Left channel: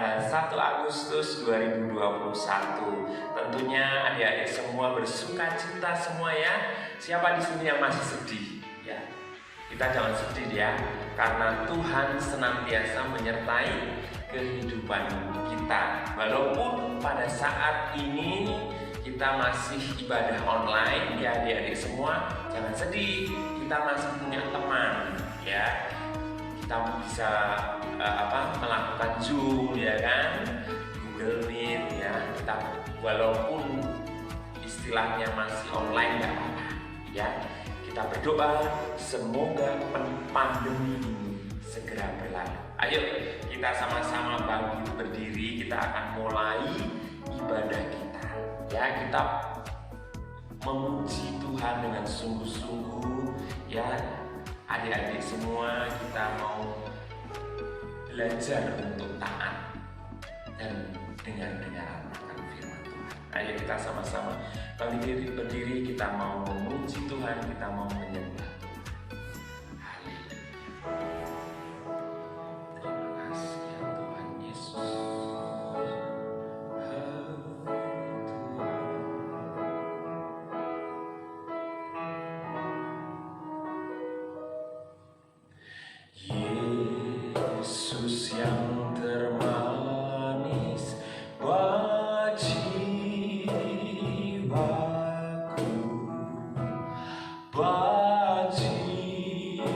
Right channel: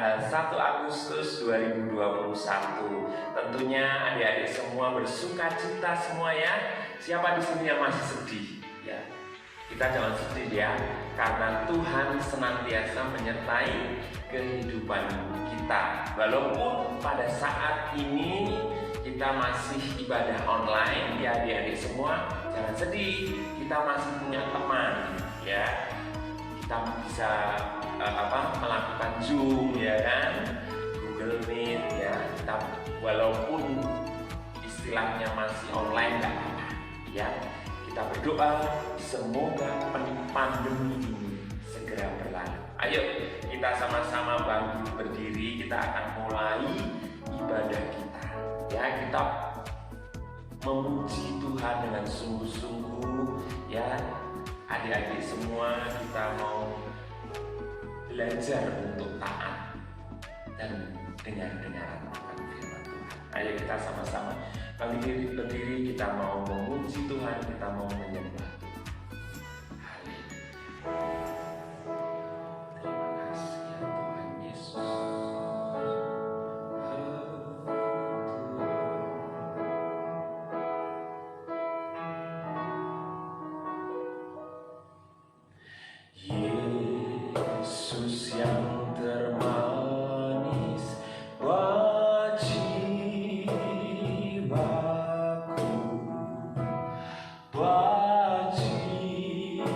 tanggal 1 Agustus 2021. Tentunya adik-adik semua bersuka cita semua ya. Siapa di sini yang masih sedih? Ya, kita jangan sedih ya, karena Tuhan senantiasa menyertai kehidupan kita. Walaupun pada saat ini kita masih ibadah online ya adik-adik semua, jangan sedih, kita masih punya teman ya. Kita bisa melakukan Zoom ya kan, Google Meet ya. Kita walaupun istilahnya masih online nggak apa-apa ya. Kita berdoa semoga pandemi ini segera berlalu. Ayo kita sama-sama bangkit berdiri, kita akan mulai ibadah kita ya. Kita memuji Tuhan dengan sungguh-sungguh ya. Adik-adik semua, kita mau belajar untuk taat dan dengar-dengaran akan firman Tuhan. Ayo kita sama-sama bangkit berdiri, kita mau memuji Tuhan, kita mau menyembah Tuhan. Yesus yang termanis buat jiwaku, buat jiwaku.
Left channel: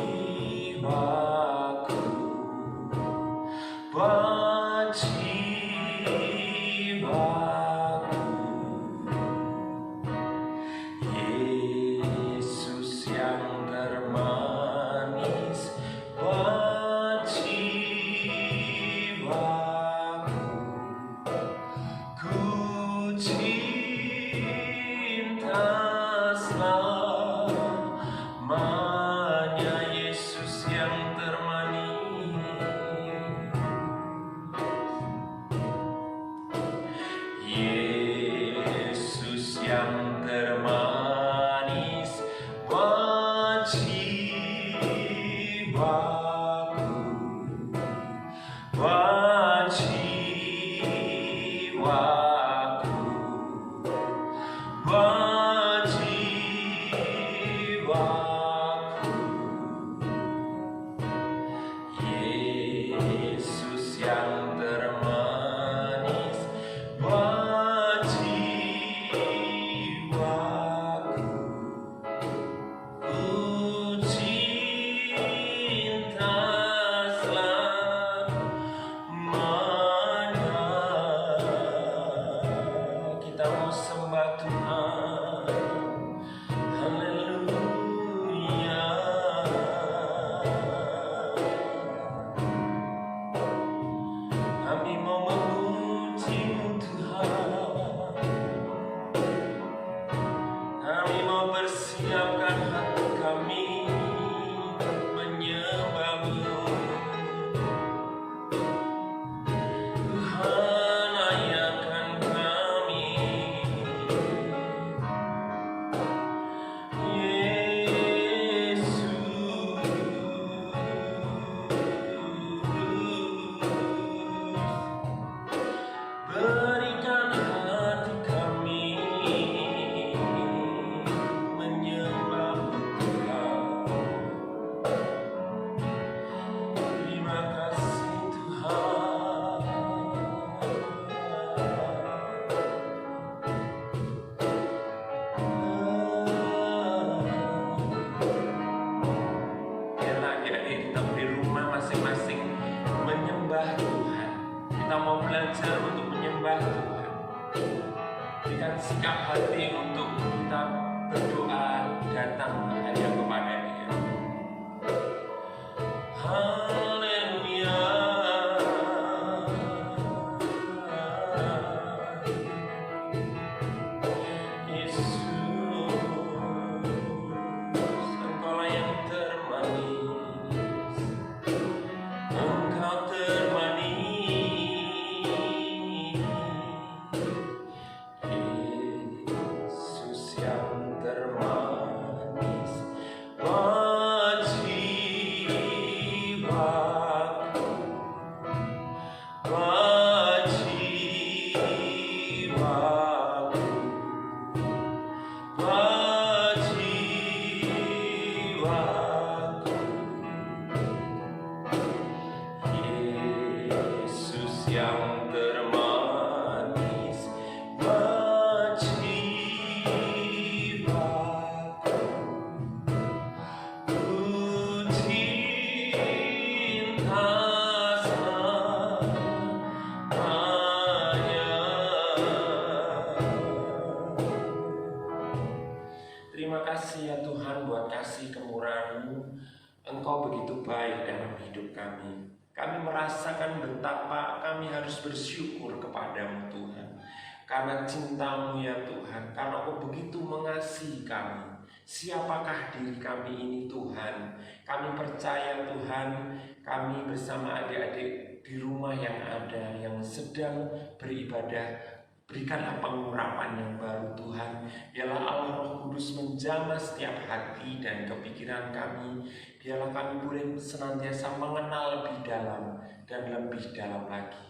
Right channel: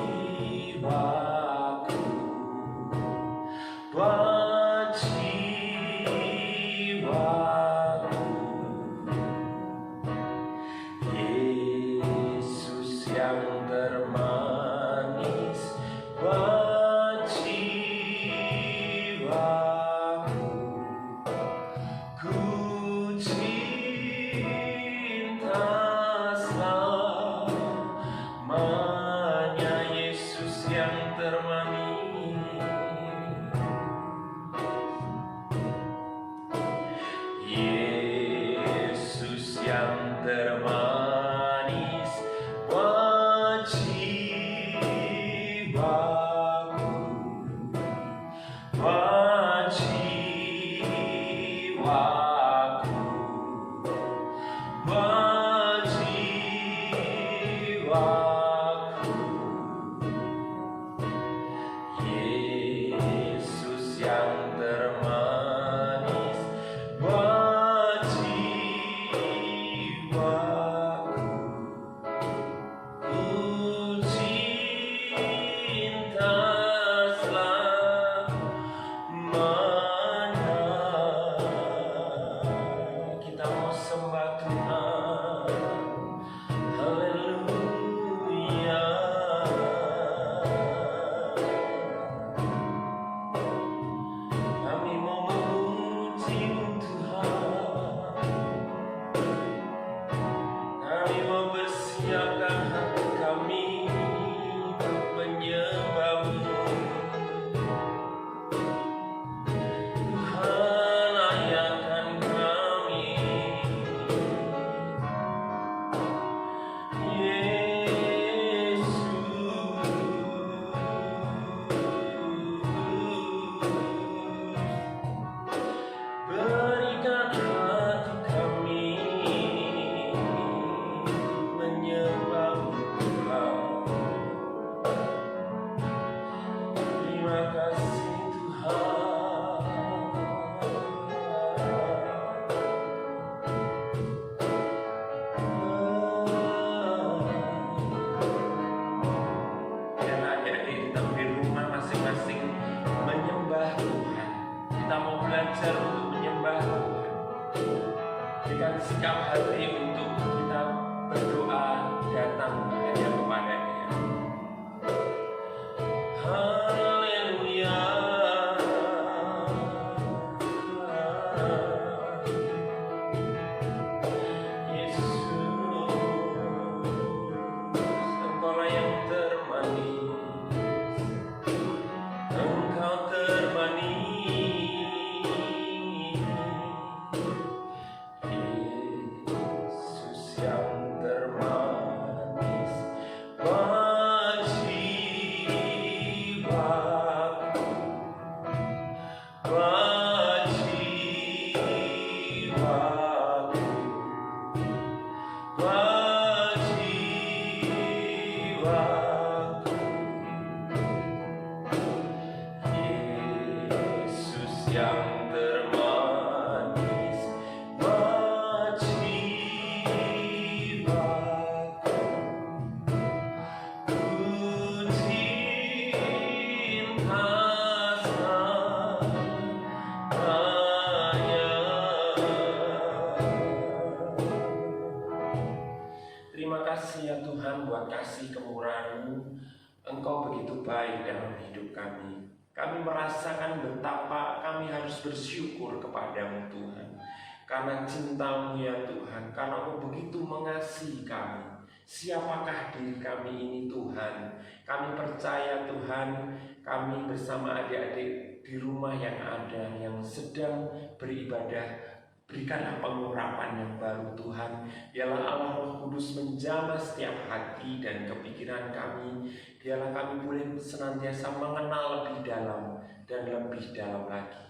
Terima kasih ya Tuhan buat kasih kemurahan-Mu. Engkau begitu baik dalam hidup kami. Kami merasakan betapa kami harus bersyukur kepada-Mu Tuhan. Karena cinta-Mu ya Tuhan, karena Engkau begitu mengasihi kami. Siapakah diri kami ini Tuhan? Kami percaya Tuhan, kami bersama adik-adik di rumah yang ada, yang sedang beribadah, berikanlah pengurapan yang baru Tuhan. Biarlah Allah Roh Kudus menjamah setiap hati dan kepikiran kami. Biarlah kami boleh senantiasa mengenal lebih dalam dan lebih dalam lagi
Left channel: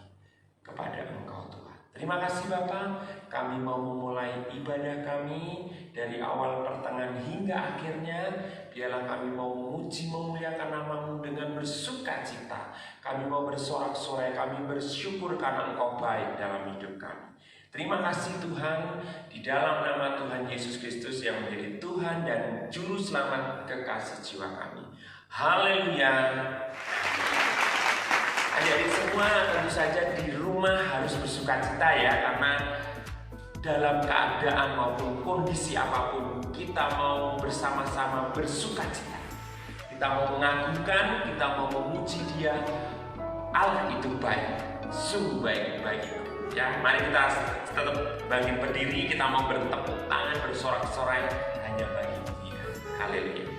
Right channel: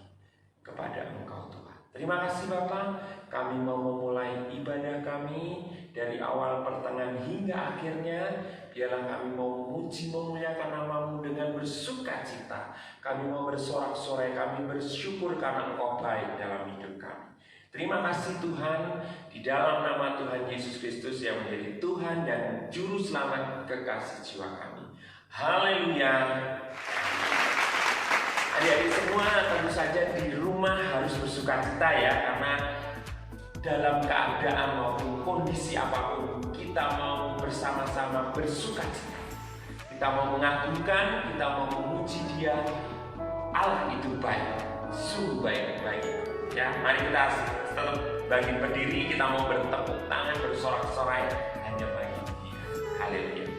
kepada Engkau Tuhan. Terima kasih Bapa, kami mau memulai ibadah kami dari awal pertengahan hingga akhirnya. Biarlah kami mau memuji memuliakan nama-Mu dengan bersuka cita. Kami mau bersorak-sorai, kami bersyukur karena Engkau baik dalam hidup kami. Terima kasih Tuhan, di dalam nama Tuhan Yesus Kristus yang menjadi Tuhan dan Juru Selamat kekasih jiwa kami. Haleluya. Adik-adik semua tentu saja di rumah harus bersuka cita ya, karena dalam keadaan maupun kondisi apapun kita mau bersama-sama bersuka cita. Kita mau mengagungkan, kita mau memuji Dia. Allah itu baik, sungguh baik-baik. Ya, mari kita tetap bangkit berdiri, kita mau bertepuk tangan, bersorak-sorai hanya bagi Dia. Haleluya.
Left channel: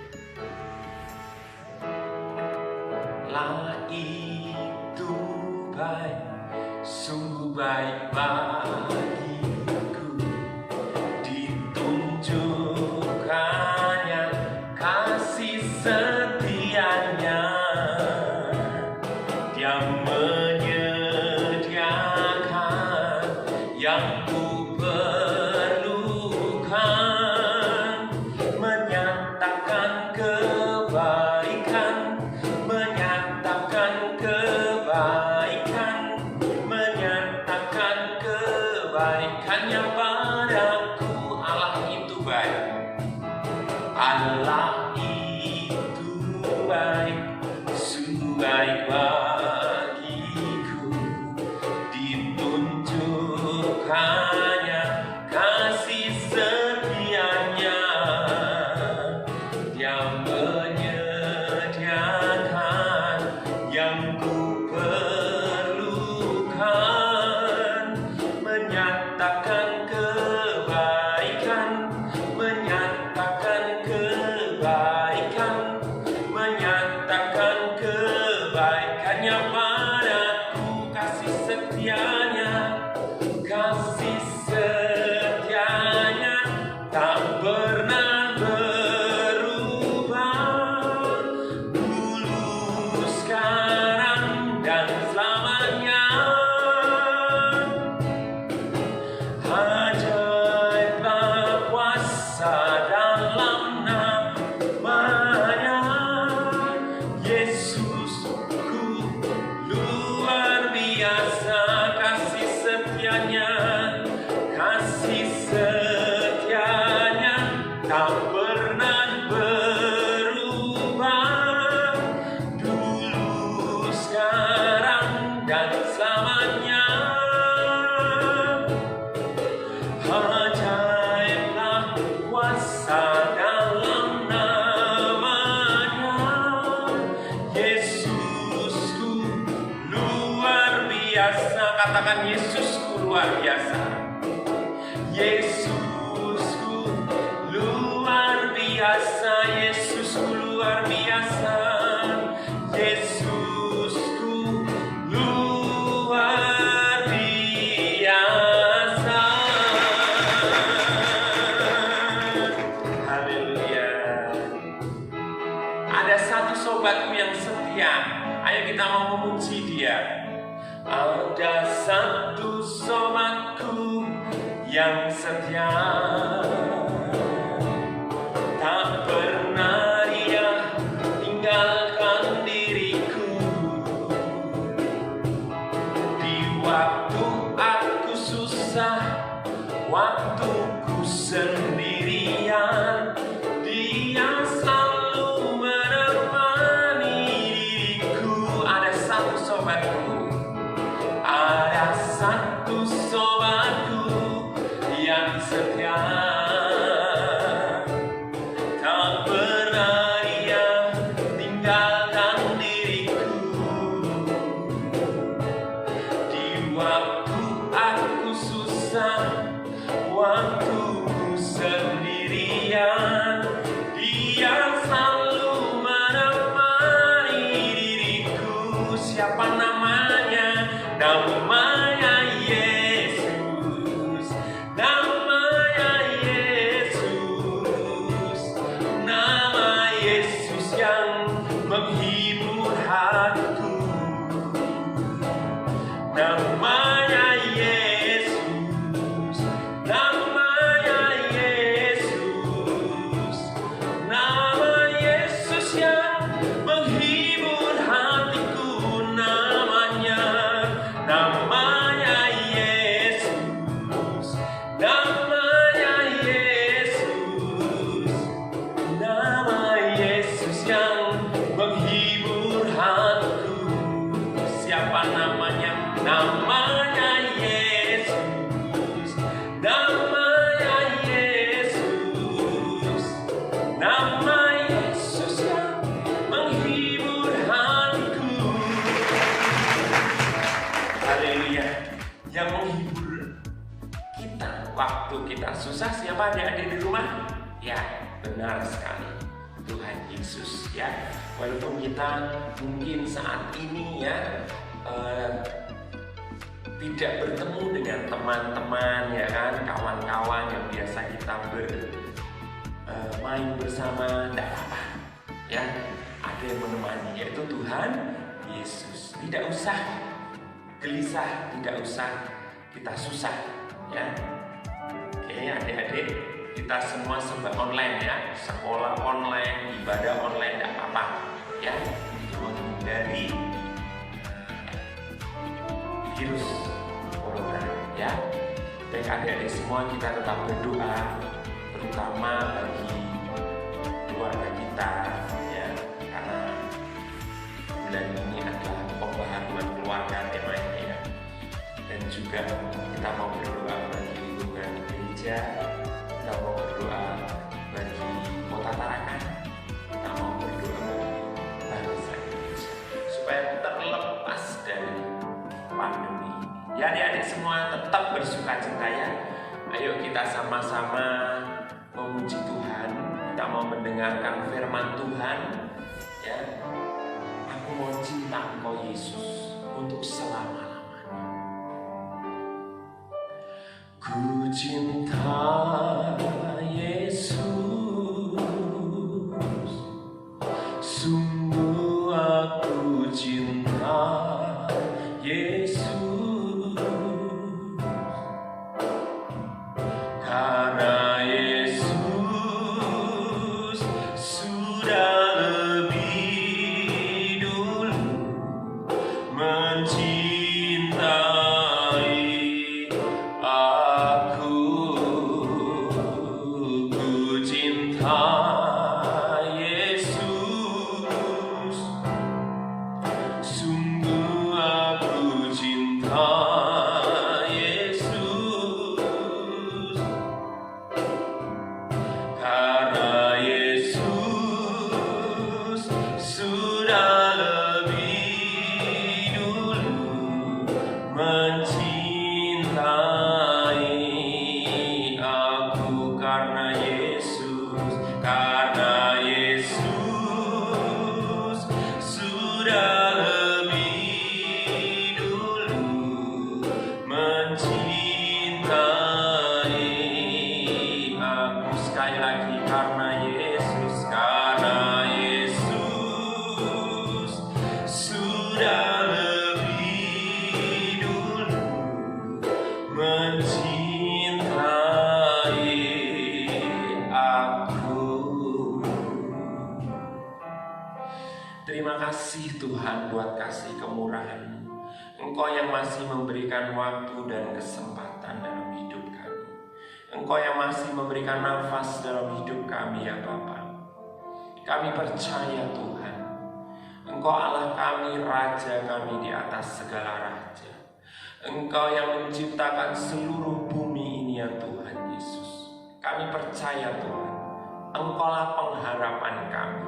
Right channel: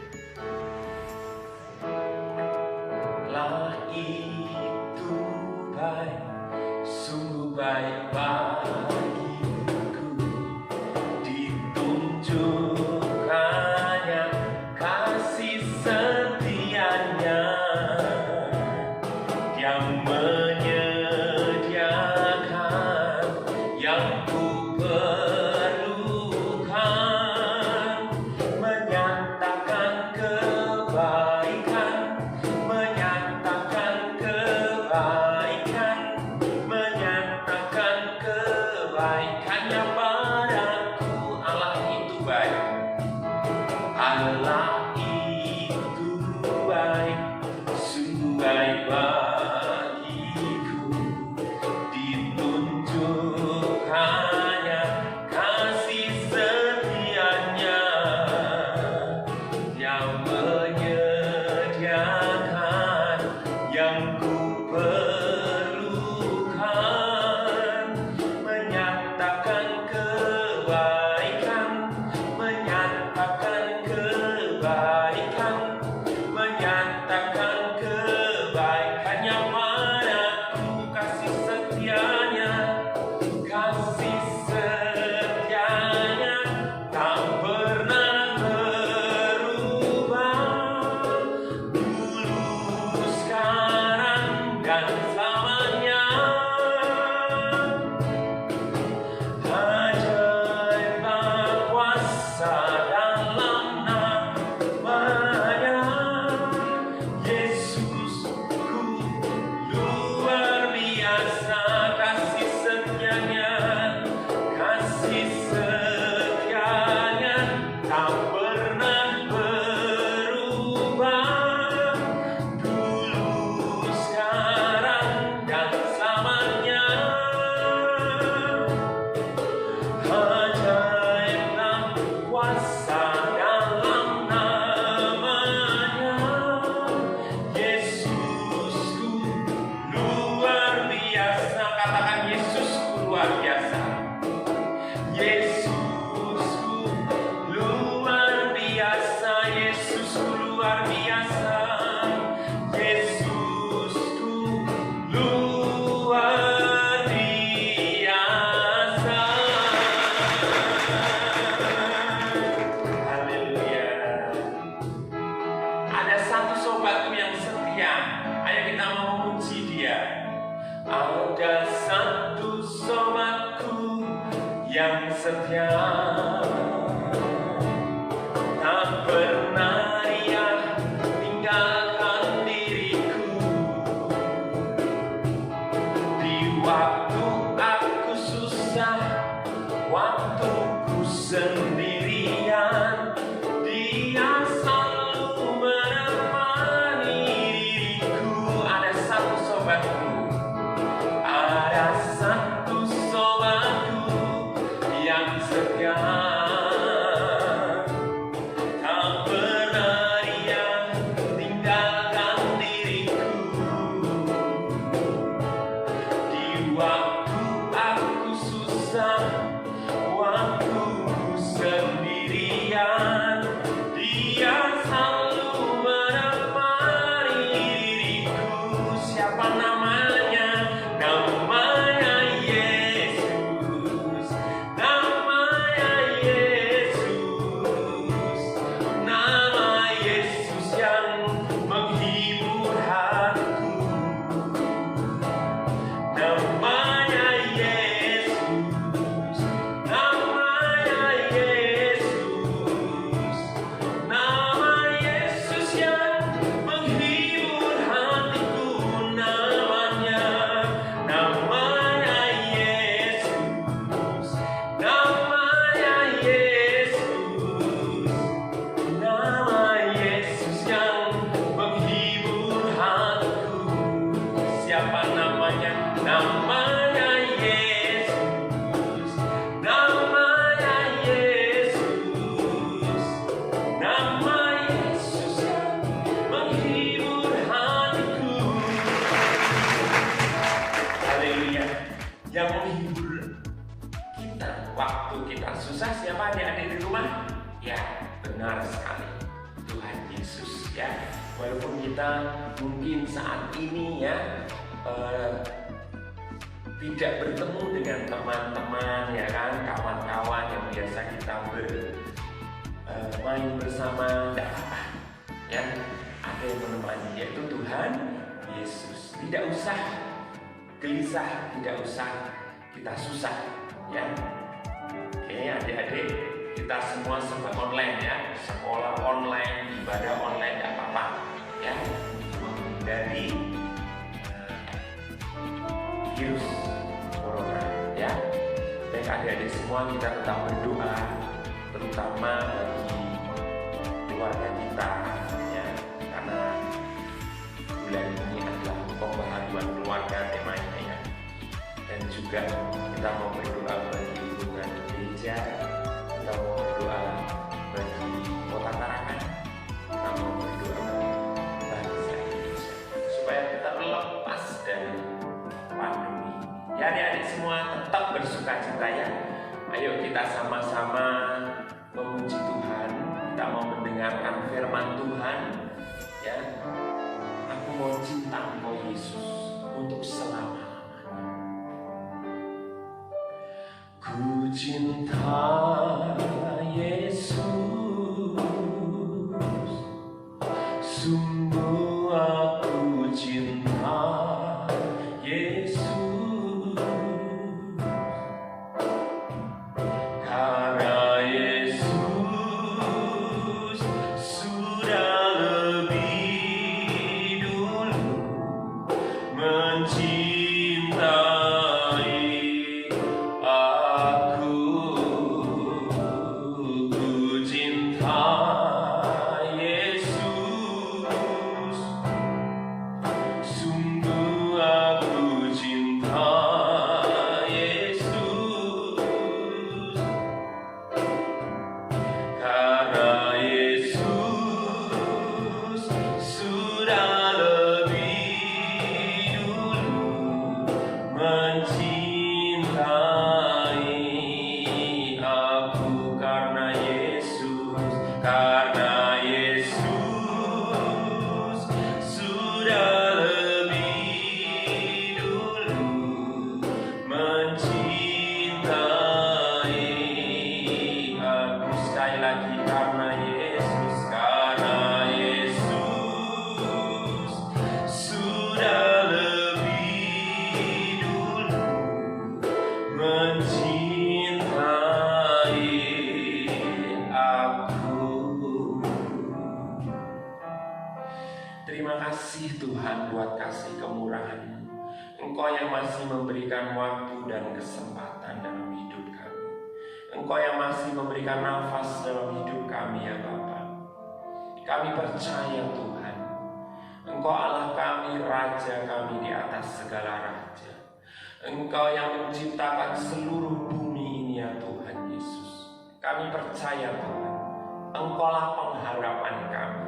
Allah itu baik, sungguh baik bagiku, ditunjukkannya kasih setianya, Dia menyediakan yang ku perlukan. Ya, benar sekali. Tuhan Yesus ya. Walaupun kita mungkin saat ini ya tidak bertemu dengan teman-teman ya kan, kawan-kawan yang biasa kita bermain bersama, tidak apa-apa ya. Ada yang menemani, yaitu Tuhan Yesus. Tidak usah gelisah, tidak usah kita susah ya. Oke adik-adik, kita semua serba online ya, sekolah online, ibadah online, tidak apa-apa ya, menghindari virus corona ya. Dan adik-adik semua kita tetap berdoa, terutama bagi keluarga kita ya, karena bulan ini adalah pembaharuan keluarga temanya ya. Dan juga kita mau berdoa bagi hubungan gereja, kita mau berdoa bagi kota Tarakan, kita mau berdoa bagi bangsa Indonesia supaya terlepas dari pandemi. Ya adik-adik semua tetap bersuka cita ya. Ayo kita sama-sama memuji Tuhan. Kita mau mendengarkan firman Tuhan ya. Aku mau cinta Engkau Yesus untuk selama-lamanya. Ku cinta Yesus, sungguh aku cinta Yesus, karena Yesus sudah lebih dulu mencintai aku. Ku cinta Yesus, sungguh aku cinta Yesus, karena Yesus sudah lebih dulu mencintai aku. Karena Yesus sudah lebih dulu mencintai aku. Sekali lagi, karena Yesus sudah lebih dulu mencintai aku. Terima kasih Tuhan buat kasih kemurahan. Engkau yang masih memberikan waktu dan kesempatan dalam hidup kami. Engkau yang masih memberikan nafas dalam hidup kami ya Bapa. Kami percaya Tuhan, Engkau Allah kami, Raja kami di atas segala raja. Engkau yang menciptakan seluruh bumi ini ya Tuhan Yesus. Kami percaya Tuhan, Engkaulah pengharapan kami.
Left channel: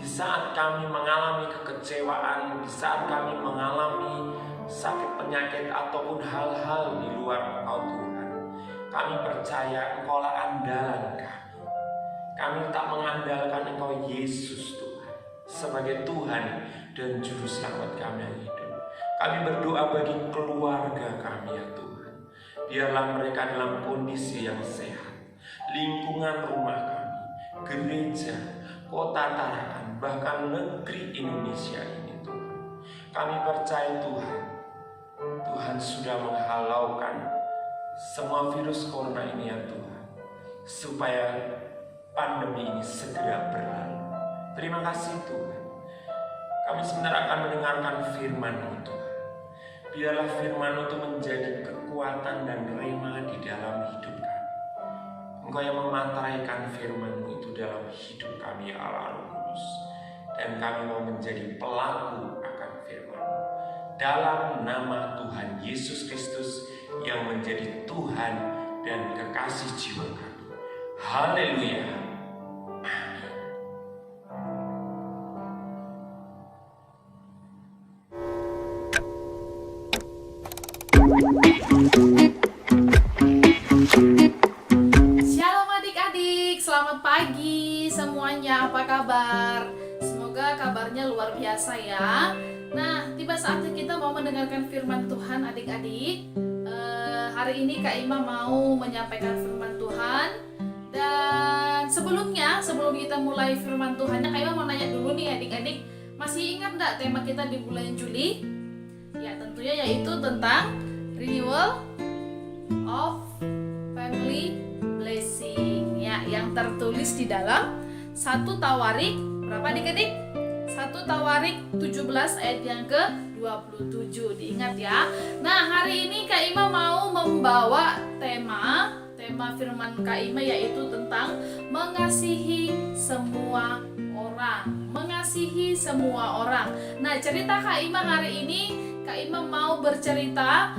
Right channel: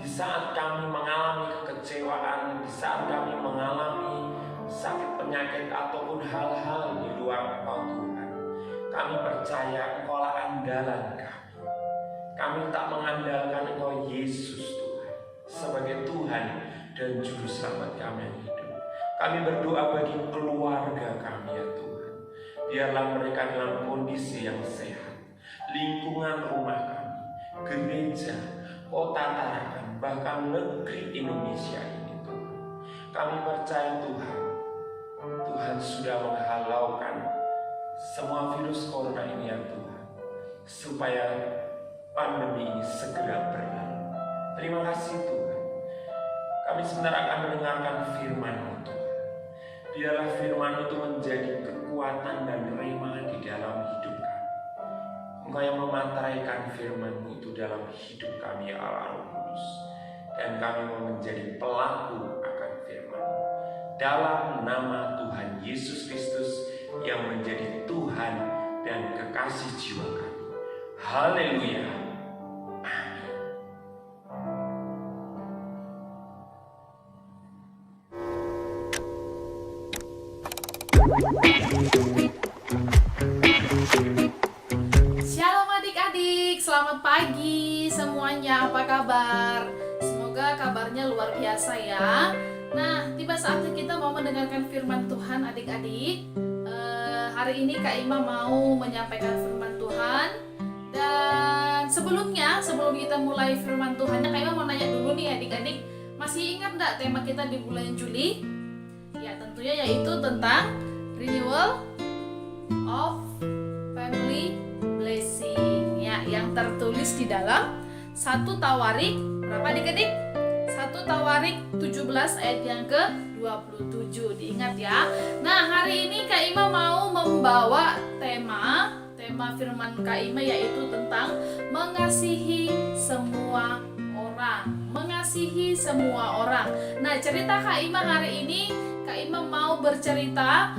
Di saat kami mengalami kekecewaan, di saat kami mengalami sakit penyakit ataupun hal-hal di luar Engkau Tuhan, kami percaya Engkaulah andalan kami. Kami tak mengandalkan Engkau Yesus Tuhan sebagai Tuhan dan Juru Selamat kami yang hidup. Kami berdoa bagi keluarga kami ya Tuhan. Biarlah mereka dalam kondisi yang sehat. Lingkungan rumah kami, gereja, kota Tarakan, bahkan negeri Indonesia ini Tuhan. Kami percaya Tuhan, Tuhan sudah menghalaukan semua virus corona ini ya Tuhan, supaya pandemi ini segera berlalu. Terima kasih Tuhan. Kami sebentar akan mendengarkan firman-Mu Tuhan. Biarlah firman-Mu itu menjadi kekuatan dan rema di dalam hidup kami. Engkau yang memantraikan firman-Mu itu dalam hidup kami ya Allah Roh Kudus. Dan kami mau menjadi pelaku akan firman-Mu. Dalam nama Tuhan Yesus Kristus yang menjadi Tuhan dan kekasih jiwa kami. Haleluya. Shalom selamat pagi semuanya, apa kabar? Semoga kabarnya luar biasa ya. Nah, tiba saatnya kita mau mendengarkan firman Tuhan adik-adik. Hari ini Kak Ima mau menyampaikan firman Tuhan. Dan sebelum kita mulai firman Tuhannya, Kak Ima mau nanya dulu nih adik-adik, masih ingat enggak tema kita di bulan Juli? Ya, tentunya yaitu tentang renewal of family blessing ya, yang tertulis di dalam 1 Tawarik berapa adik-adik? 1 Tawarik 17 ayat yang ke-27, diingat ya. Nah, hari ini Kak Ima mau membawa tema firman Kak Ima yaitu tentang mengasihi semua orang. Mengasihi semua orang. Nah, cerita Kak Ima hari ini, Kak Ima mau bercerita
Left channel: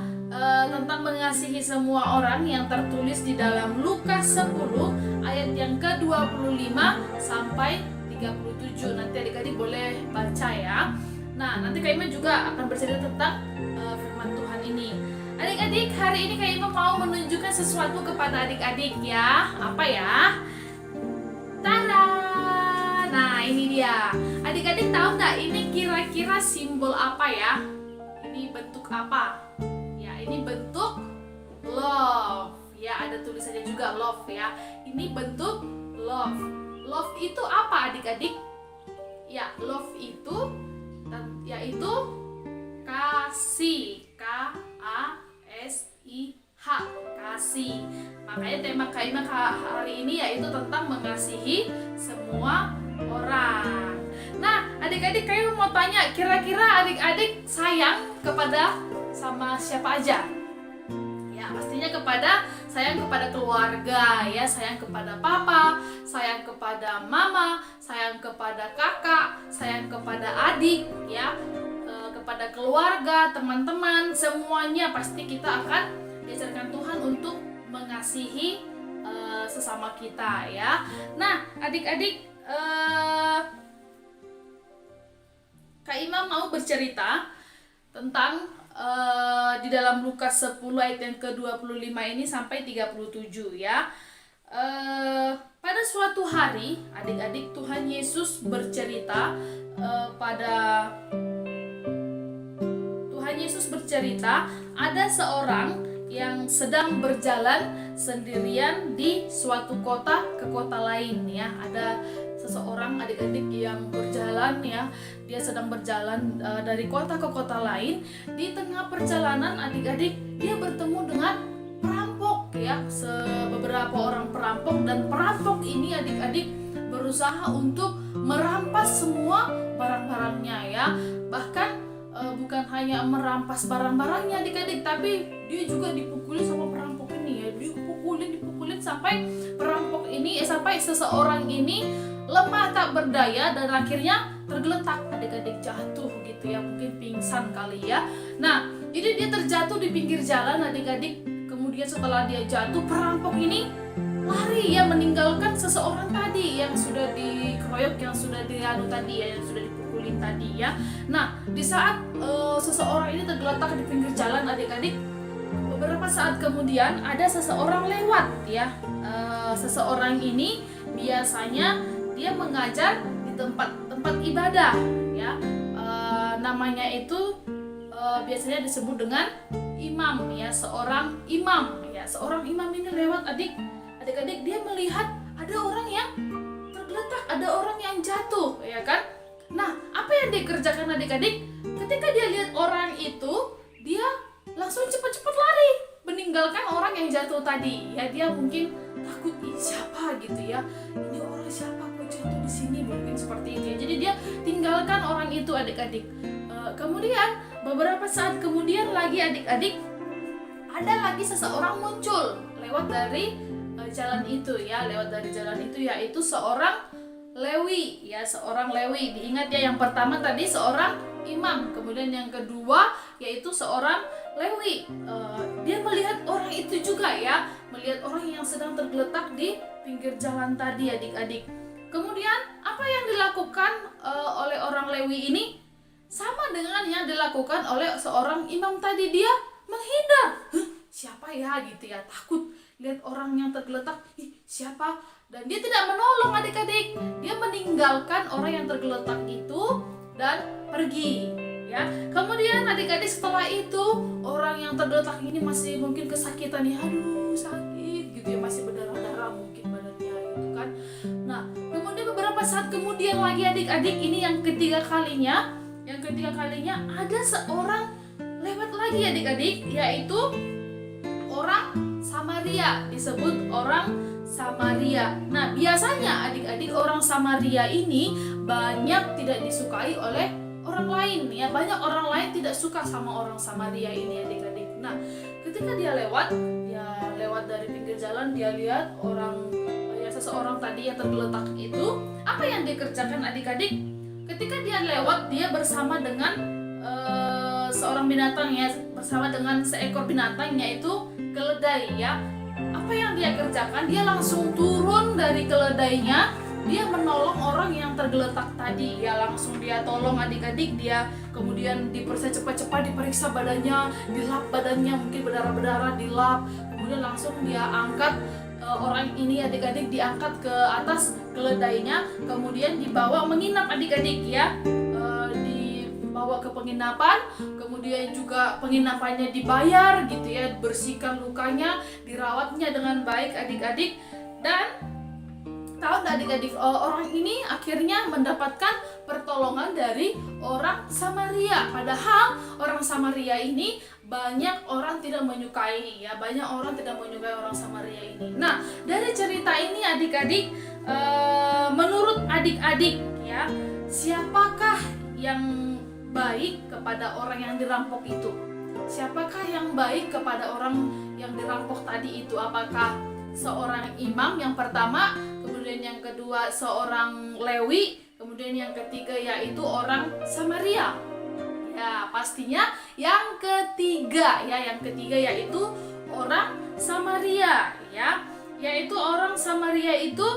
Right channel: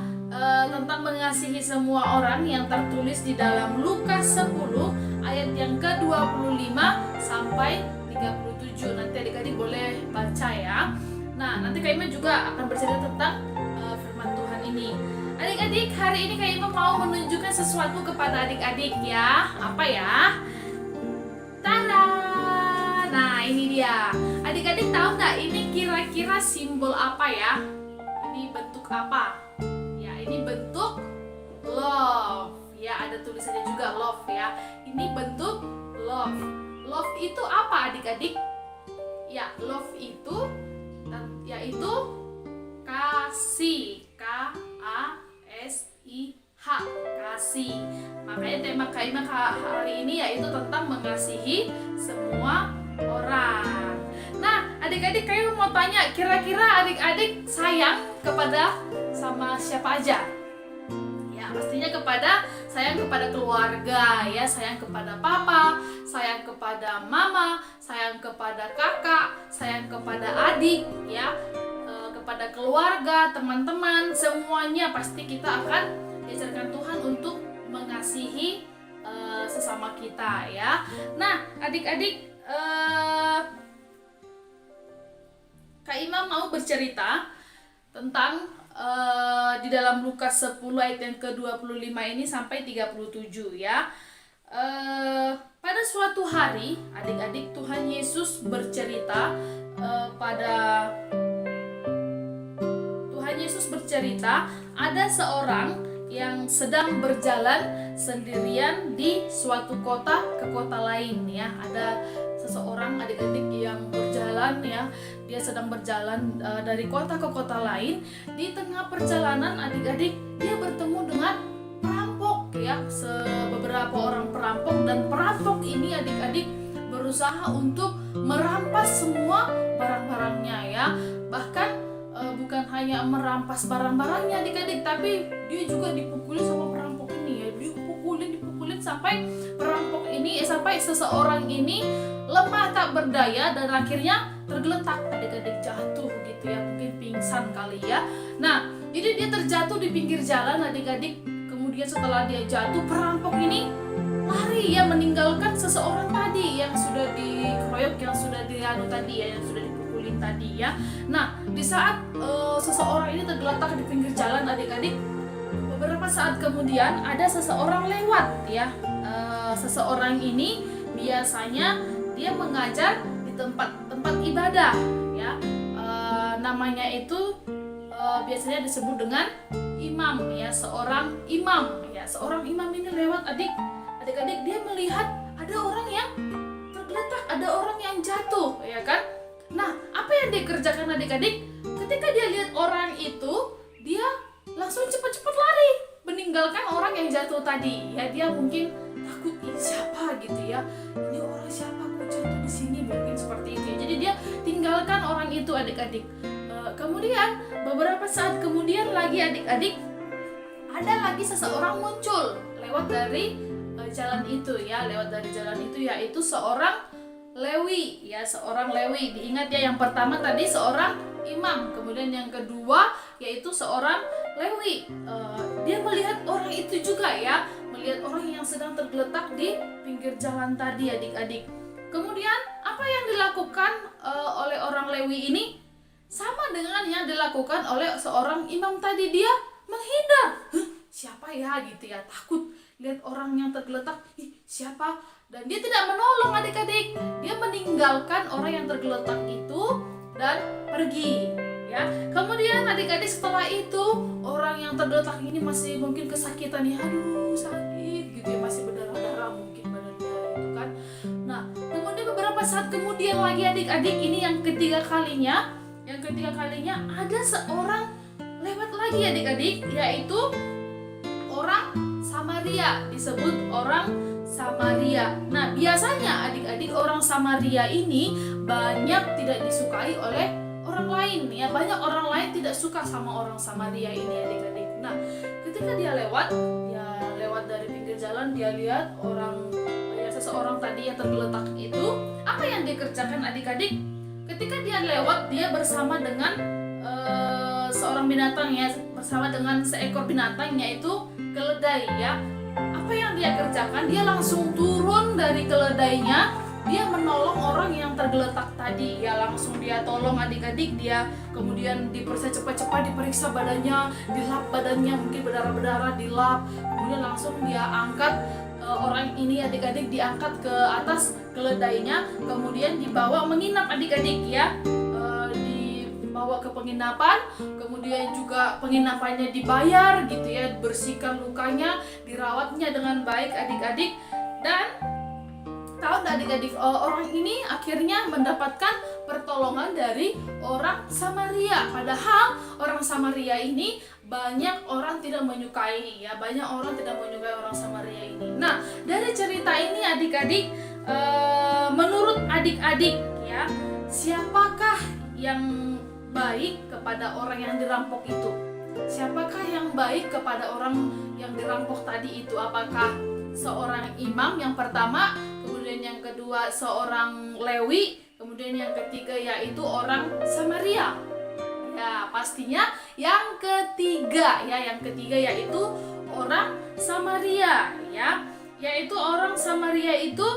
tentang mengasihi semua orang yang tertulis di dalam Lukas 10 ayat yang ke-25 sampai 37. Nanti adik-adik boleh baca ya. Nah, nanti Kak Ima juga akan bercerita tentang firman Tuhan ini. Adik-adik, hari ini Kak Ima mau menunjukkan sesuatu kepada adik-adik ya. Apa ya? Tada! Nah, ini dia. Adik-adik tahu nggak ini kira-kira simbol apa ya? Ini bentuk apa? Ini bentuk love ya, ada tulisannya juga love ya. Ini bentuk love. Love itu apa adik-adik? Ya, love itu yaitu kasih, K-A-S-I-H, kasih. Makanya tema Kak Ima hari ini yaitu tentang mengasihi semua orang. Nah, adik-adik Kak Ima mau tanya, kira-kira adik-adik sayang sama siapa aja? Ya, pastinya sayang kepada keluarga ya, sayang kepada papa, sayang kepada mama, sayang kepada kakak, sayang kepada adik ya, kepada keluarga, teman-teman, semuanya pasti kita akan diajarkan Tuhan untuk mengasihi sesama kita ya. Nah, adik-adik, Kak Ima mau bercerita tentang di dalam Lukas 10 ayat yang ke-25 ini sampai 37 ya. Pada suatu hari adik-adik, Tuhan Yesus bercerita ada seorang yang sedang berjalan sendirian di suatu kota ke kota lain ya. Ada seseorang adik-adik yang berjalan ya, dia sedang berjalan dari kota ke kota lain. Di tengah perjalanan adik-adik, dia bertemu dengan perampok ya, beberapa orang perampok, dan perampok ini adik-adik berusaha untuk merampas semua barang-barangnya ya. Bahkan bukan hanya merampas barang-barangnya adik-adik, tapi dia juga dipukuli sama perampok ini ya, dipukulin sampai perampok ini sampai seseorang ini lemah tak berdaya dan akhirnya tergeletak adik-adik, jatuh gitu ya, mungkin pingsan kali ya. Nah, jadi dia terjatuh di pinggir jalan adik-adik. Kemudian setelah dia jatuh, perampok ini lari ya, meninggalkan seseorang tadi yang sudah dikeroyok, yang sudah dianu tadi ya, yang sudah dipukulin tadi ya. Nah, di saat seseorang ini tergeletak di pinggir jalan adik-adik, beberapa saat kemudian ada seseorang lewat ya. Seseorang ini biasanya dia mengajar di tempat ibadah ya. Namanya itu biasanya disebut dengan imam ya, seorang imam ya. Seorang imam ini lewat adik-adik, dia melihat ada orang yang tergeletak, ada orang yang jatuh ya kan. Nah, apa yang dikerjakan adik-adik? Ketika dia lihat orang itu, dia langsung cepat-cepat lari meninggalkan orang yang jatuh tadi ya. Dia mungkin takut, ini siapa gitu ya, ini orang siapa kok jatuh di sini, mungkin seperti itu ya. Jadi dia tinggalkan orang itu adik-adik. Kemudian beberapa saat kemudian lagi adik-adik, ada lagi seseorang muncul lewat dari jalan itu ya, yaitu seorang Lewi ya, seorang Lewi. Diingat ya, yang pertama tadi seorang imam, kemudian yang kedua yaitu seorang Lewi. Dia melihat orang itu juga ya, melihat orang yang sedang tergeletak di pinggir jalan tadi adik-adik. Kemudian apa yang dilakukan oleh orang Lewi ini sama dengan yang dilakukan oleh seorang imam tadi. Dia menghindar. Siapa ya gitu ya, takut lihat orang yang tergeletak, ih siapa? Dan dia tidak menolong adik-adik. Dia meninggalkan orang yang tergeletak itu dan pergi. Ya, kemudian adik-adik setelah itu orang yang tergeletak ini masih mungkin kesakitan ya, aduh sakit gitu ya, masih berdarah-darah mungkin badannya itu kan. Nah, kemudian beberapa saat kemudian lagi adik-adik, ini yang ketiga kalinya ada seorang lewat lagi adik-adik, yaitu orang Samaria, disebut orang Samaria. Nah, biasanya adik-adik orang Samaria ini banyak tidak disukai oleh orang lain ya, banyak orang lain tidak suka sama orang Samaria ini adik-adik. Nah, ketika dia lewat dari pinggir jalan, dia lihat seseorang tadi yang tergeletak itu, apa yang dia kerjakan adik-adik? Ketika dia lewat, dia bersama dengan seorang binatang ya, bersama dengan seekor binatang, yaitu keledai ya. Apa yang dia kerjakan? Dia langsung turun dari keledainya, dia menolong orang yang tergeletak tadi ya, langsung dia tolong adik-adik. Dia kemudian cepat-cepat diperiksa badannya, dilap badannya, mungkin berdarah-berdarah, dilap, kemudian langsung dia angkat orang ini adik-adik, diangkat ke atas keledainya, kemudian dibawa menginap adik-adik ya, dibawa ke penginapan, kemudian juga penginapannya dibayar gitu ya, bersihkan lukanya, dirawatnya dengan baik adik-adik. Dan tahu nggak adik-adik, orang ini akhirnya mendapatkan pertolongan dari orang Samaria. Padahal orang Samaria ini banyak orang tidak menyukai ya, banyak orang tidak menyukai orang Samaria ini. Nah, dari cerita ini adik-adik, menurut adik-adik ya, siapakah yang baik kepada orang yang dirampok itu? Siapakah yang baik kepada orang yang dirampok tadi itu? Apakah seorang imam yang pertama, kemudian yang kedua seorang Lewi, kemudian yang ketiga yaitu orang Samaria? Ya, pastinya yang ketiga ya, yang ketiga yaitu orang Samaria ya, yaitu orang Samaria itu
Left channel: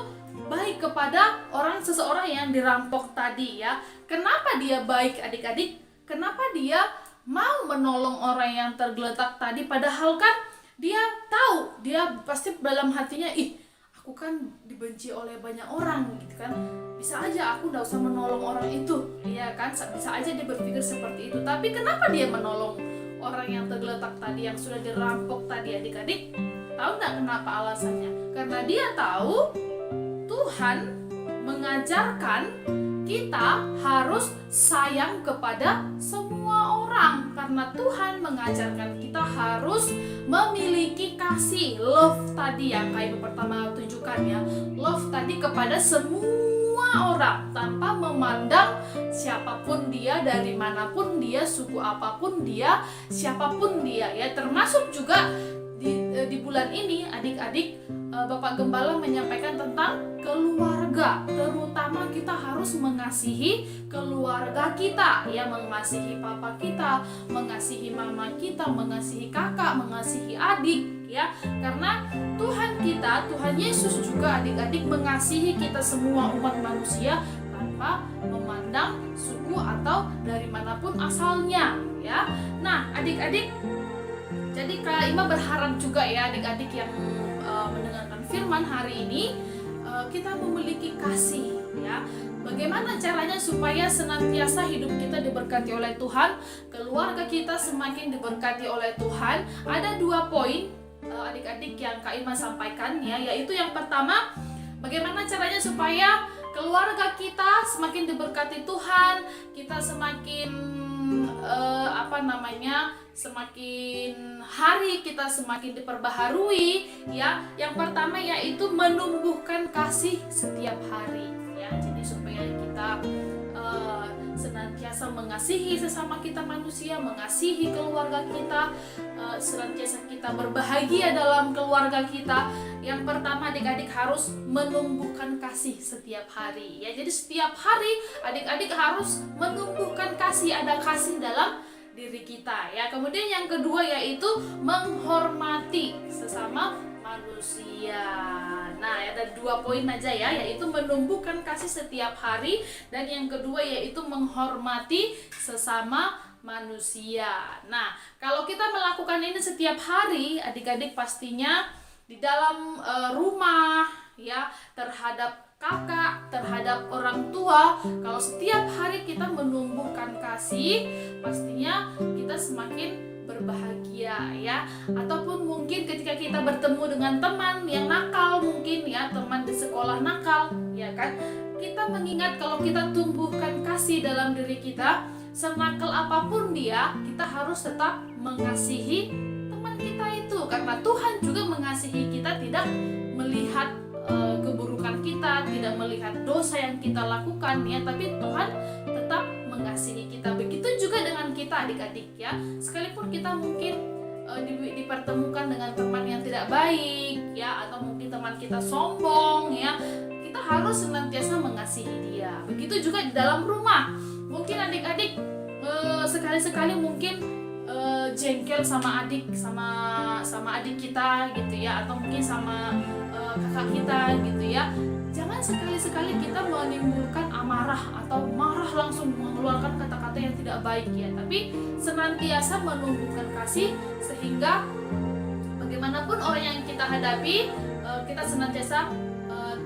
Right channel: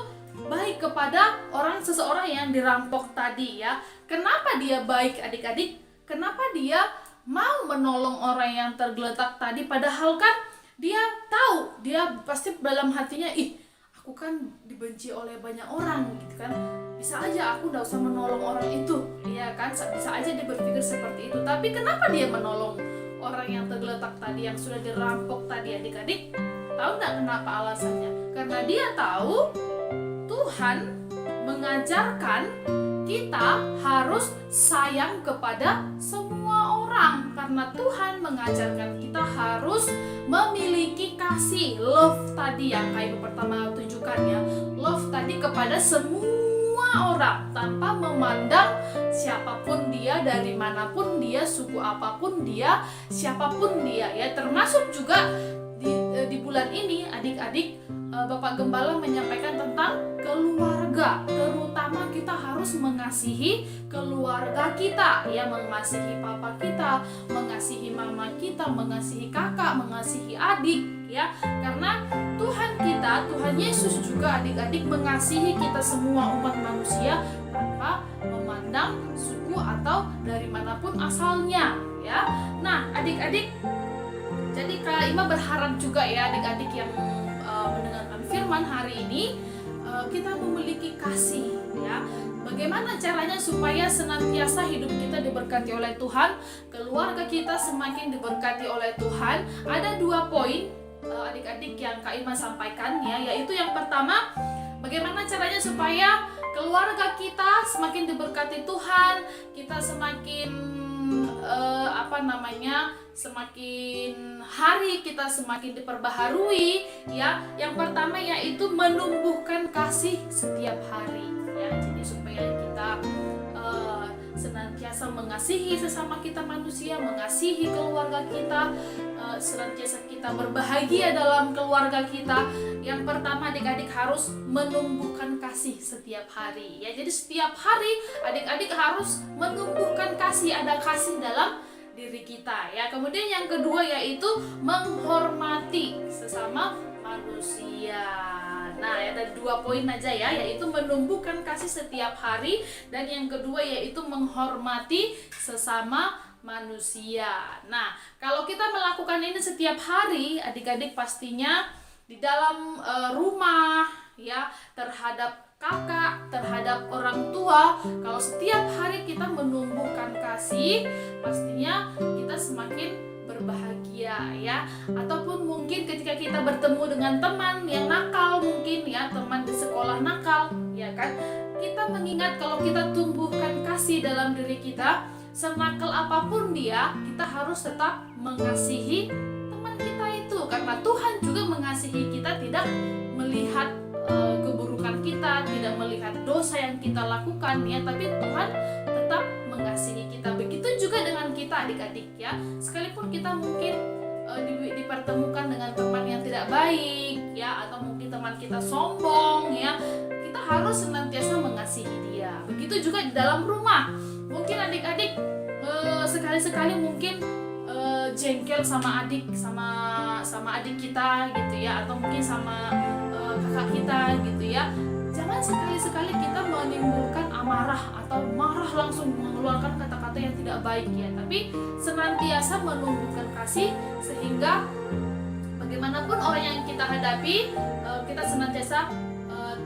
baik kepada seseorang yang dirampok tadi ya. Kenapa dia baik adik-adik? Kenapa dia mau menolong orang yang tergeletak tadi? Padahal kan dia tahu, dia pasti dalam hatinya, ih aku kan dibenci oleh banyak orang gitu kan, bisa aja aku gak usah menolong orang itu, ya kan, bisa aja dia berpikir seperti itu. Tapi kenapa dia menolong orang yang tergeletak tadi, yang sudah dirampok tadi adik-adik? Tahu gak kenapa alasannya? Karena dia tahu Tuhan mengajarkan kita harus sayang kepada semua orang. Karena Tuhan mengajarkan kita harus memiliki kasih, love tadi yang kayak pertama tunjukkan ya, love tadi kepada semua orang tanpa memandang siapapun dia, dari manapun dia, suku apapun dia, siapapun dia ya. Termasuk juga di bulan ini adik-adik, Bapak Gembala menyampaikan tentang keluarga. Terutama kita harus mengasihi keluarga kita ya, mengasihi papa kita, mengasihi mama kita, mengasihi kakak, mengasihi adik ya. Karena Tuhan kita, Tuhan Yesus juga adik-adik mengasihi kita semua umat manusia tanpa memandang suku atau dari manapun asalnya ya. Nah, adik-adik, jadi Kak Ima berharap juga ya adik-adik yang mendengarkan firman hari ini, kita memiliki kasih ya. Bagaimana caranya supaya senantiasa hidup kita diberkati oleh Tuhan, keluarga kita semakin diberkati oleh Tuhan? Ada 2 poin adik-adik yang Kak Ima sampaikan ya, yaitu yang pertama, bagaimana caranya supaya keluarga kita semakin diberkati Tuhan, kita semakin semakin hari kita semakin diperbaharui ya. Yang pertama yaitu menumbuhkan kasih setiap hari ya. Jadi supaya kita senantiasa mengasihi sesama kita manusia, mengasihi keluarga kita, senantiasa kita berbahagia dalam keluarga kita. Yang pertama adik-adik harus menumbuhkan kasih setiap hari ya. Jadi setiap hari adik-adik harus menumbuhkan kasih, ada kasih dalam diri kita ya. Kemudian yang kedua yaitu menghormati sesama manusia. Nah, ada 2 poin aja ya, yaitu menumbuhkan kasih setiap hari, dan yang kedua yaitu menghormati sesama manusia. Nah, kalau kita melakukan ini setiap hari, adik-adik pastinya di dalam rumah ya, terhadap kakak, terhadap orang tua. Kalau setiap hari kita menumbuhkan kasih, pastinya kita semakin berbahagia ya. Ataupun mungkin ketika kita bertemu dengan teman yang nakal, mungkin ya, teman di sekolah nakal ya kan, kita mengingat kalau kita tumbuhkan kasih dalam diri kita, senakal apapun dia, kita harus tetap mengasihi teman kita itu, karena Tuhan juga mengasihi kita, tidak melihat keburukan kita, tidak melihat dosa yang kita lakukan ya, tapi Tuhan tetap mengasihi kita. Begitu juga dengan kita adik-adik ya, sekalipun kita mungkin dipertemukan dengan teman yang tidak baik ya, atau mungkin teman kita sombong ya, kita harus senantiasa mengasihi dia. Begitu juga di dalam rumah. Mungkin adik-adik sekali-sekali mungkin jengkel sama adik, sama adik kita gitu ya, atau mungkin sama kakak kita gitu ya. Jangan sekali-sekali kita menimbulkan amarah atau marah langsung mengeluarkan kata-kata yang tidak baik ya, tapi senantiasa menumbuhkan kasih, sehingga bagaimanapun orang yang kita hadapi, kita senantiasa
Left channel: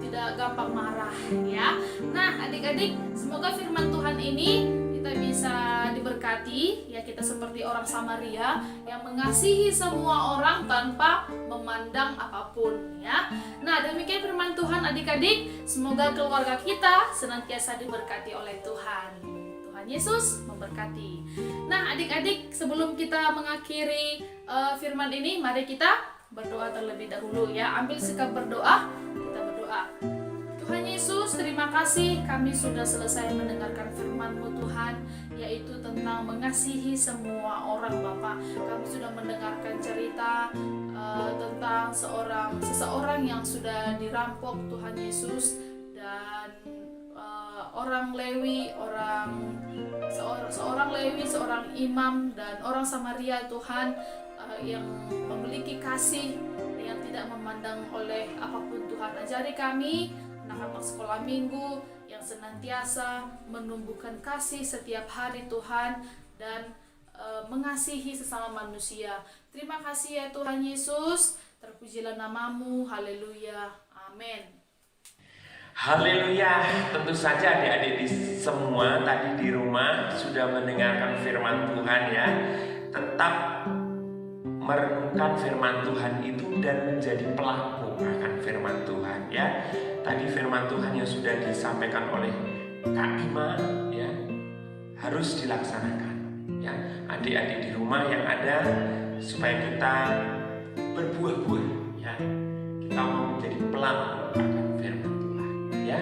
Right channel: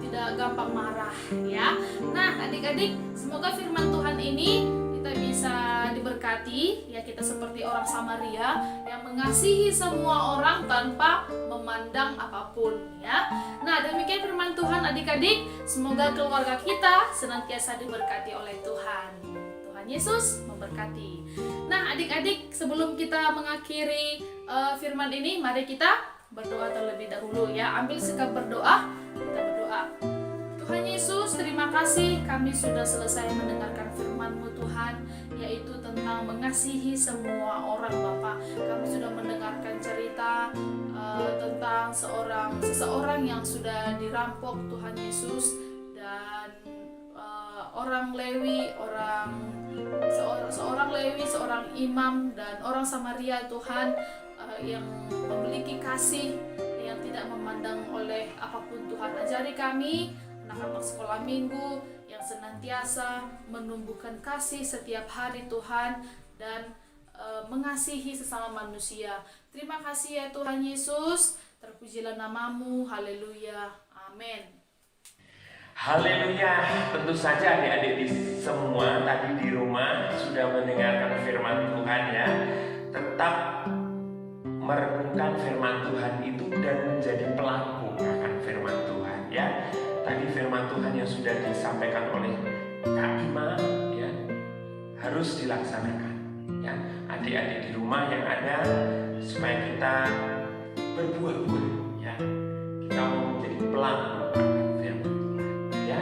tidak gampang marah ya. Nah adik-adik, semoga firman Tuhan ini kita bisa diberkati ya, kita seperti orang Samaria yang mengasihi semua orang tanpa memandang apapun ya. Nah demikian firman Tuhan adik-adik, semoga keluarga kita senantiasa diberkati oleh Tuhan. Tuhan Yesus memberkati. Nah adik-adik, sebelum kita mengakhiri firman ini, mari kita berdoa terlebih dahulu ya. Ambil sikap berdoa, kita berdoa. Tuhan Yesus, terima kasih kami sudah selesai mendengarkan firman-Mu Tuhan, yaitu tentang mengasihi semua orang Bapa. Kami sudah mendengarkan cerita tentang seseorang yang sudah dirampok Tuhan Yesus, dan orang Lewi, seorang imam, dan orang Samaria Tuhan yang memiliki kasih yang tidak memandang oleh apapun. Tuhan ajari kami anak-anak sekolah minggu yang senantiasa menumbuhkan kasih setiap hari Tuhan, dan mengasihi sesama manusia. Terima kasih ya Tuhan Yesus, terpujilah nama-Mu, haleluya, amin. Haleluya. Tentu saja adik-adik semua tadi di rumah sudah mendengarkan firman Tuhan ya. Tetap merenungkan firman Tuhan itu dan menjadi pelaku akan firman Tuhan ya. Tadi firman Tuhan yang sudah disampaikan oleh Kak Ima ya, harus dilaksanakan ya. Adik-adik di rumah yang ada, supaya kita berbuah-buah ya. Kita mau menjadi pelaku akan firman Tuhan ya.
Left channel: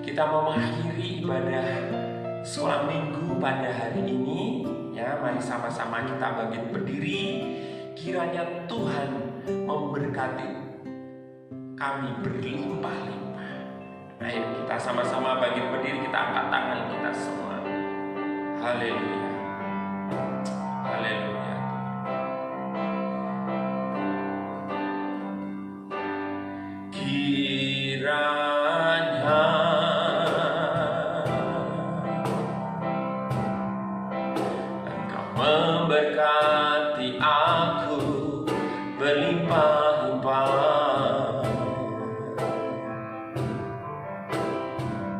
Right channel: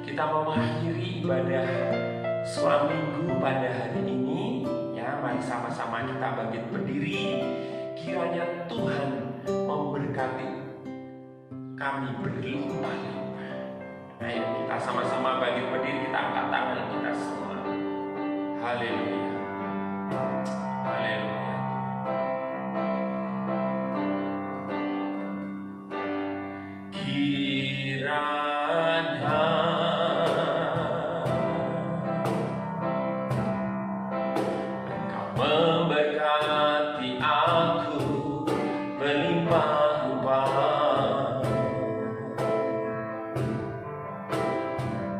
Kita mau mengakhiri ibadah sekolah minggu pada hari ini ya. Mari sama-sama kita bangkit berdiri. Kiranya Tuhan memberkati kami berlimpah-limpah. Ayo kita sama-sama bangkit berdiri, kita angkat tangan kita semua. Haleluya. Haleluya. Kiranya Engkau memberkati aku berlimpah-limpah,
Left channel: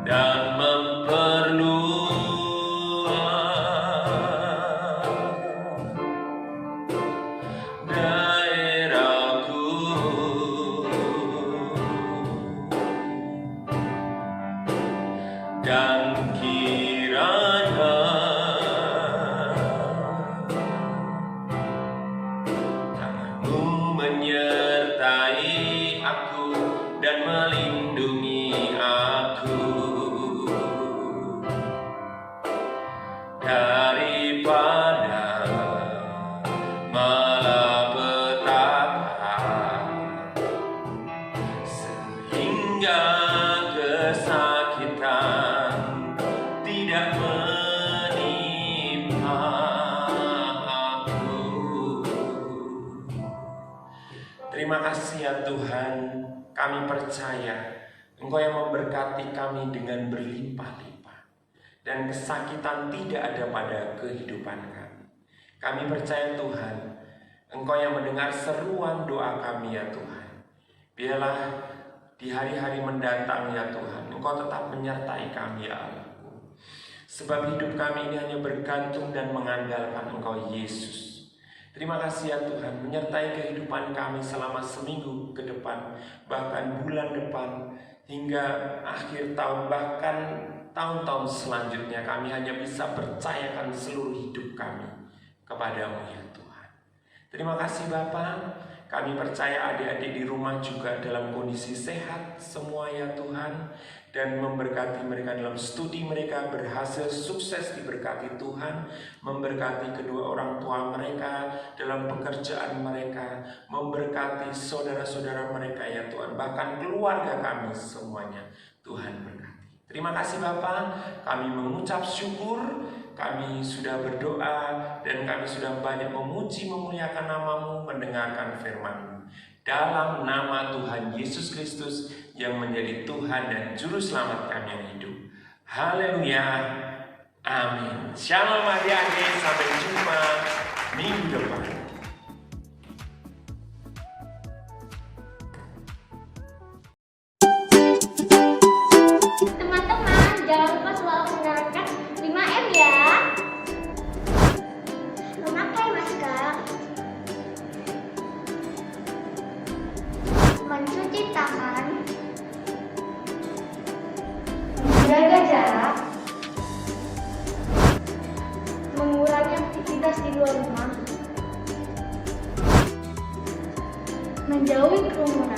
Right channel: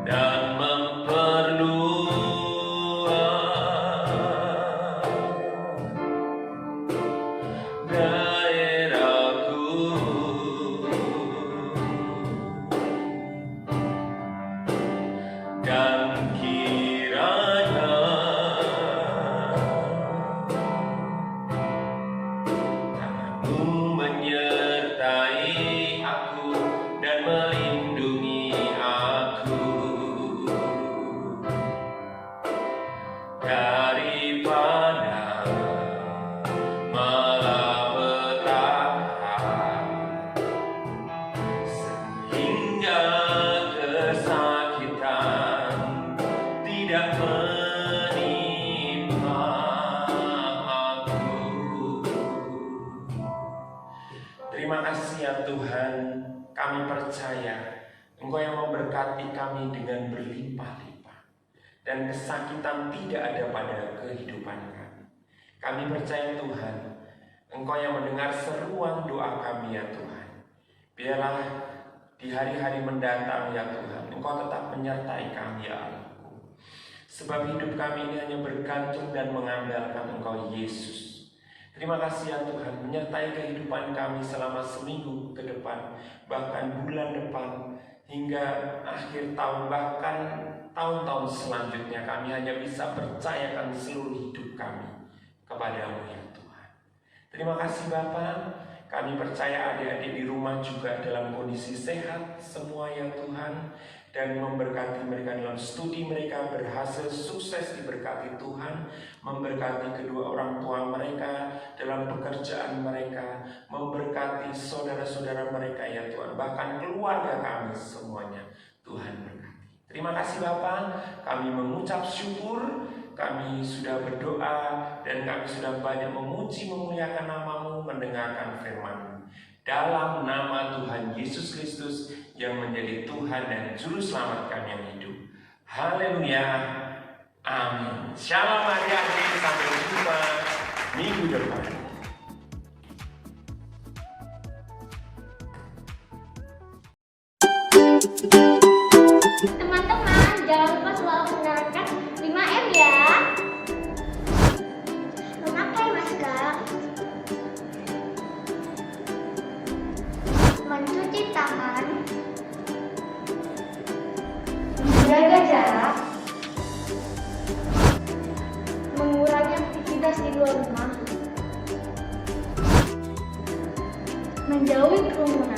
dan memperluas daerahku, dan kiranya tangan-Mu menyertai aku dan melindungi aku daripada malapetaka, sehingga kesakitan tidak menimpa aku. Terima kasih ya Tuhan, kami percaya Engkau yang memberkati kami dengan berlimpah-limpah, dan kesakitan tidak ada pada kehidupan kami. Kami percaya Tuhan, Engkau yang mendengar seruan doa kami ya Tuhan. Biarlah di hari-hari mendatang ya Tuhan, Engkau tetap menyertai kami ya Allahku. Sebab hidup kami ini hanya bergantung dan mengandalkan Engkau Yesus. Terima kasih ya Tuhan, menyertai kehidupan kami selama seminggu ke depan, bahkan bulan depan, hingga akhir tahun, bahkan tahun-tahun selanjutnya. Kami hanya bisa percayakan seluruh hidup kami kepada-Mu ya Tuhan. Terima kasih Bapa. Kami percaya adik-adik di rumah juga dalam kondisi sehat semua ya Tuhan, dan memberkati mereka dalam studi mereka berhasil sukses diberkati Tuhan, memberkati kedua orang tua mereka dalam pekerjaan mereka, memberkati saudara-saudara mereka ya Tuhan, bahkan keluarga kami semuanya Tuhan berkati. Terima kasih Bapa, kami mengucap syukur, kami sudah berdoa, dan kami sudah banyak memuji memuliakan nama-Mu, mendengarkan firman-Mu. Dalam nama Tuhan Yesus Kristus yang menjadi Tuhan dan Juru Selamat kami yang hidup. Haleluya. Amin. Shalom adik-adik, sampai jumpa minggu depan. Teman-teman, jangan lupa selalu menerapkan 5M ya. Memakai masker, mencuci tangan, menjaga jarak, mengurangi aktivitas di luar rumah, menjauhi kerumunan,